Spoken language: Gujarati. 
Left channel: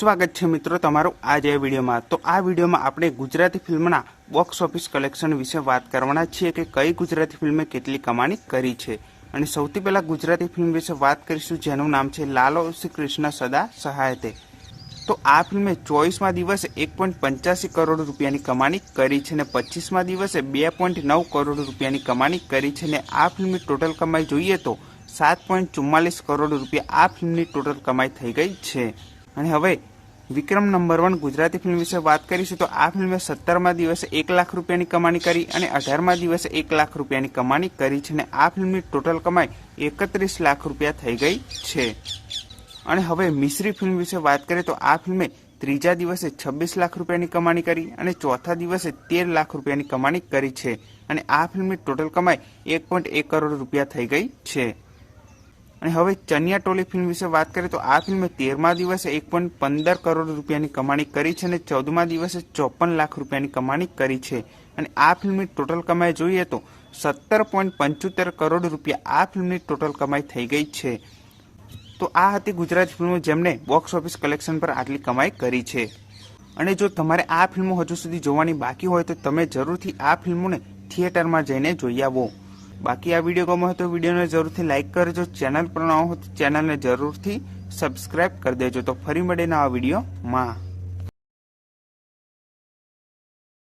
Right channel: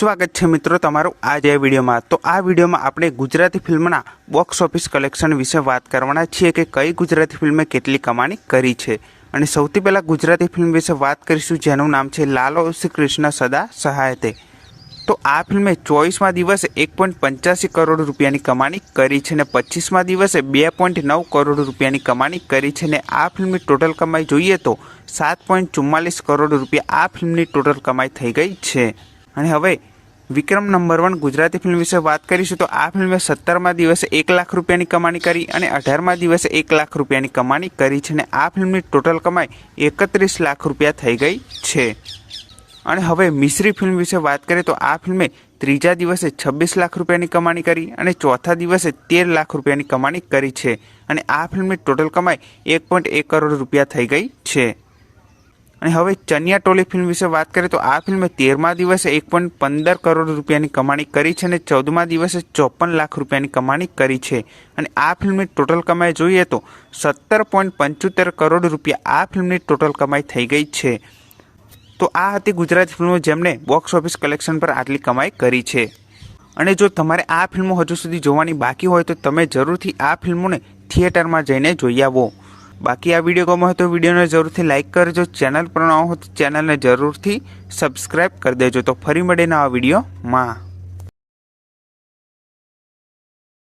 स्वागत है मित्रों तमारू आज आ वीडियो में। तो आ वीडियो में आपणे गुजराती फिल्मना बॉक्स ऑफिस कलेक्शन विषे बात करवाना छीए कि कई गुजराती फिल्मे केटली कमाणी करी छे। अने सौथी पहेला गुजराती फिल्म विषे बात करीशुं जेनुं नाम छे लालो श्री कृष्ण सदा सहाय ते। तो आ फिल्मे 24मा दिवसे 1.85 करोड़ रूपियानी कमाणी करी छे ने 25मा दिवसे 2.9 करोड़ रूपियानी कमाणी करी छे ने आ फिल्मनी टोटल कमाई જોઈએ तो 7.44 करोड़ रूपिया आ फिल्मनी टोटल कमाई थई गई छे। અને હવે વિક્રમ નંબર 1 ગુજરાતી ફિલ્મ વિશે વાત કરીશું તો આ ફિલ્મે 17મા દિવસે 1 લાખ રૂપિયાની કમાણી કરી અને 18મા દિવસે 1 લાખ રૂપિયાની કમાણી કરી છે અને આ ફિલ્મની ટોટલ કમાઈ 31 લાખ રૂપિયા થઈ ગઈ છે। અને હવે મિશ્રી ફિલ્મ વિશે વાત કરીએ તો આ ફિલ્મે ત્રીજા દિવસે 26 લાખ રૂપિયાની કમાણી કરી અને ચોથા દિવસે 13 લાખ રૂપિયાની કમાણી કરી છે અને આ ફિલ્મની ટોટલ કમાઈ 1.1 કરોડ રૂપિયા થઈ ગઈ છે। અને હવે ચનિયા ટોલી ફિલ્મ વિશે વાત કરીએ તો આ ફિલ્મે 13મા દિવસે 1.15 કરોડ રૂપિયાની કમાણી કરી છે અને 14મા દિવસે 54 લાખ રૂપિયાની કમાણી કરી છે અને આ ફિલ્મની ટોટલ કમાઈ જોઈએ તો 17.75 કરોડ રૂપિયા આ ફિલ્મની ટોટલ કમાઈ થઈ ગઈ છે। તો આ હતી ગુજરાતી ફિલ્મો જેમણે બોક્સ ઓફિસ કલેક્શન પર આટલી કમાઈ કરી છે। અને જો તમારે આ ફિલ્મો હજુ સુધી જોવાની બાકી હોય તો તમે જરૂરથી આ ફિલ્મોને થિયેટરમાં જઈને જોઈ આવો। बाकी आ वीडियो गम्यो हो तो वीडियो ने जरूर थी लाइक करजो, चैनल पर न हो तो चैनल ने जरूर थी सब्सक्राइब कर देजो। तो फरी मळे नवा वीडियो में।